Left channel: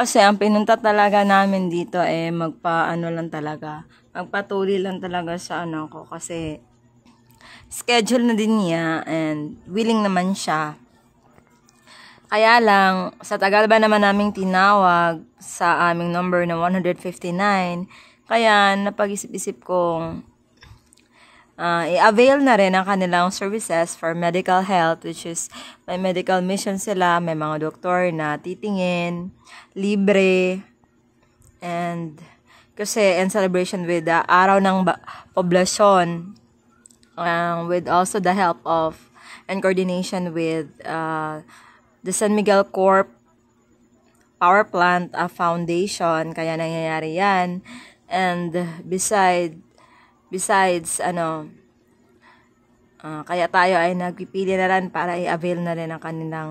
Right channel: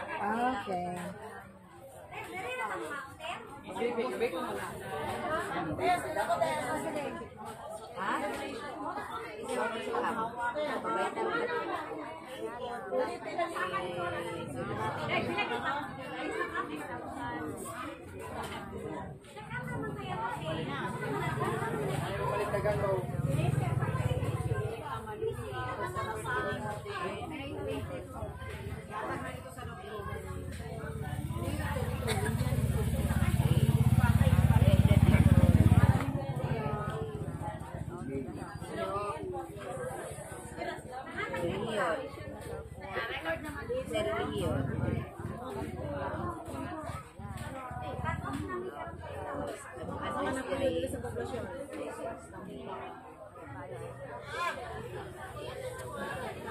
Kasi ang pinunta talaga namin dito magpa-ano lang talaga. Magpatuloy lang talaga sa ano ko kasi schedule na din niya and willing naman siya. Kaya lang, sa tagal ba naman naming tinawag sa aming number na 159, kaya napag-isip-isip kong i-avail na rin ang kanilang services for medical health, which is may medical mission sila, may mga doktor na titingin, libre, and kasi in celebration with the araw ng poblasyon, with also the help of and coordination with the San Miguel Corp Power Plant Foundation, kaya nangyayari yan. And besides kaya tayo ay nagpipili na rin para i-avail na rin ang kanilang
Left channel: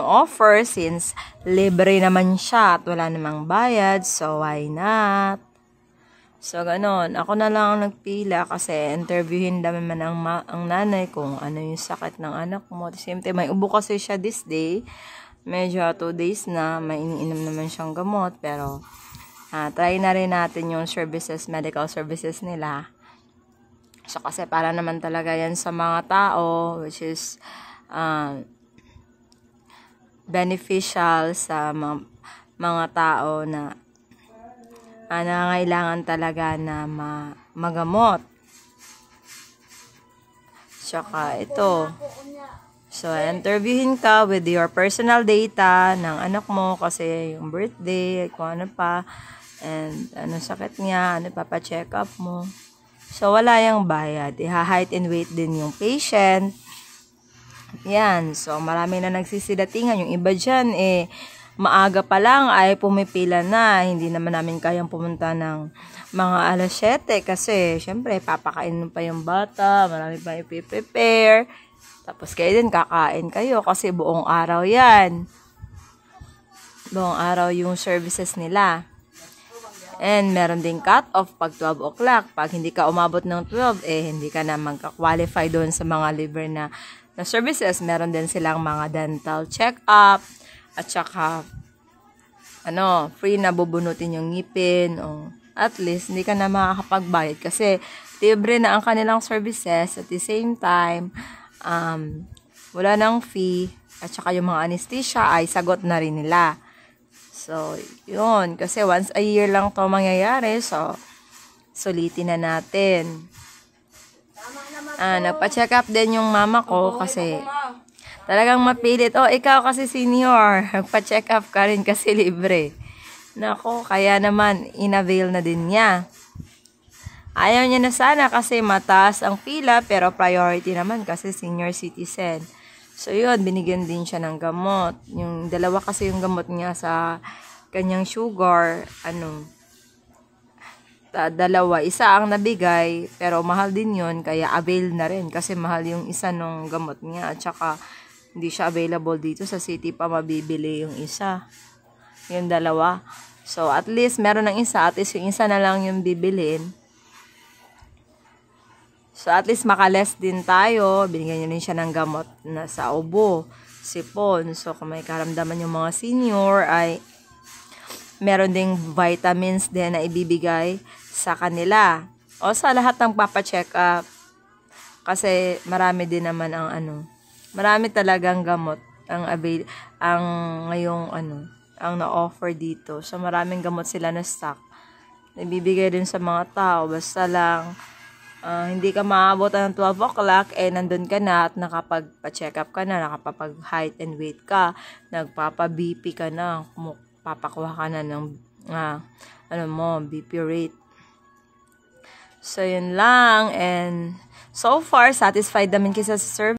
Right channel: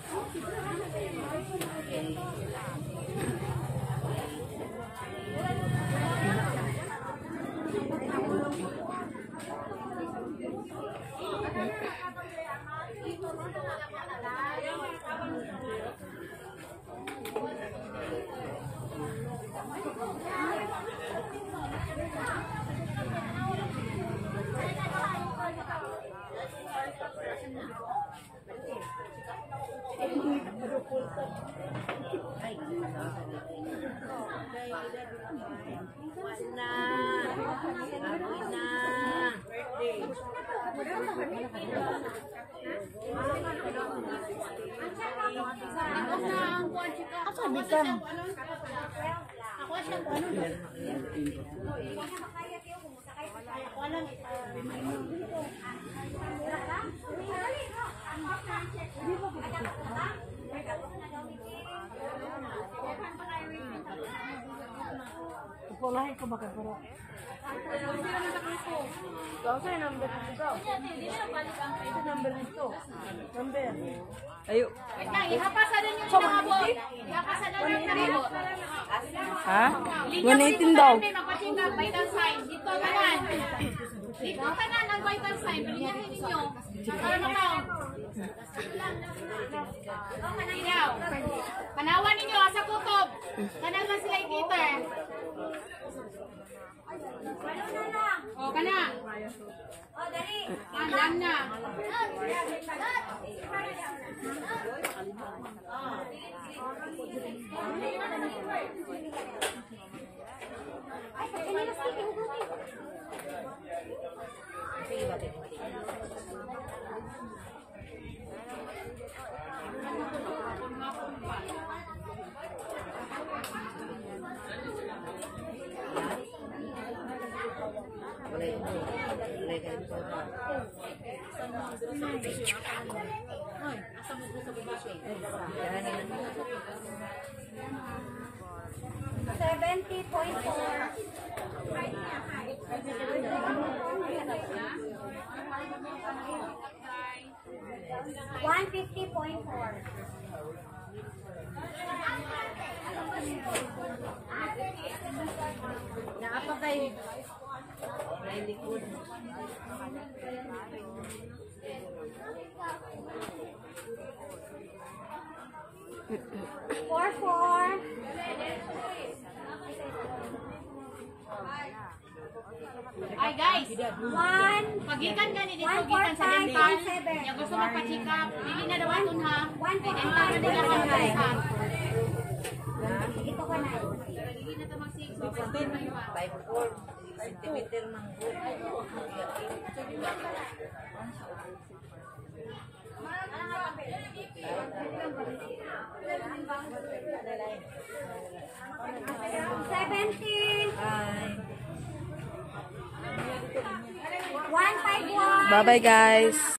offer since libre naman siya at wala namang bayad, so why not? So ganon, ako na lang ang nagpila kasi interviewin naman ang nanay kung ano yung sakit ng anak mo. At the same time, may ubo kasi siya this day, medyo 2 days na, may iniinom naman siyang gamot, pero try na rin natin yung medical services nila. So kasi para naman talaga yan sa mga tao, which is beneficial sa mga tao na nangangailangan talaga na magamot. Tsaka ito. So, interviewin ka with your personal data ng anak mo kasi yung birthday, kung ano pa, and anong sakit niya, ano pa pa-check up mo. So, wala yung bayad. Height and weight din yung patient. Yan. So, marami na nagsisidatingan. Yung iba dyan, maaga pa lang ay pumipila na. Hindi naman namin kayang pumunta ng mga alas 7 kasi syempre papakain pa yung bata, marami pa i-prepare. Tapos kayo din kakain kayo kasi buong araw yan. Buong araw yung services nila. And meron ding cut-off pag 12 o'clock. Pag hindi ka umabot ng 12, hindi ka na magka-qualify doon sa mga liver na services. Meron din silang mga dental check-up. At saka, free na bubunutin yung ngipin. O at least, hindi ka na makakapagbayad kasi libre na ang kanilang services. At the same time, wala nang fee. At saka yung mga anesthesia ay sagot na rin nila. So, yun. Kasi once a year lang to mangyayari. So, sulitin na natin. Nagpa-check up din yung mama ko kasi talagang mapilit. Ikaw kasi senior. Nagpa-check up ka rin kasi libre. Nako, kaya naman in-avail na din niya. Ayaw niya na sana kasi mataas ang pila pero priority naman kasi senior citizen. So yun, binigyan din siya ng gamot. Yung dalawa kasi yung gamot niya sa kanyang sugar, dalawa. Isa ang nabigay, pero mahal din yun, kaya avail na rin. Kasi mahal yung isa nung gamot niya. At saka, hindi siya available dito sa city pa mabibili yung isa. Yung dalawa. So, at least, meron ng isa. At least, yung isa na lang yung bibilin. So, at least makaless din tayo. Binigyan niya rin siya ng gamot na sa ubo, sipon. So, kung may karamdaman yung mga senior, ay meron ding vitamins din na ibibigay sa kanila. O sa lahat ng papacheck up. Kasi marami din naman marami talagang gamot ang na-offer dito. So, maraming gamot sila na stock. Ibibigay din sa mga tao. Basta lang, hindi ka maabot ng 12 o'clock, nandun ka na at nakapag-check up ka na, nakapag-height and weight ka, nagpapa-BP ka na, papakuha ka na ng BP rate. So, yun lang. And so far, satisfied naman sa service.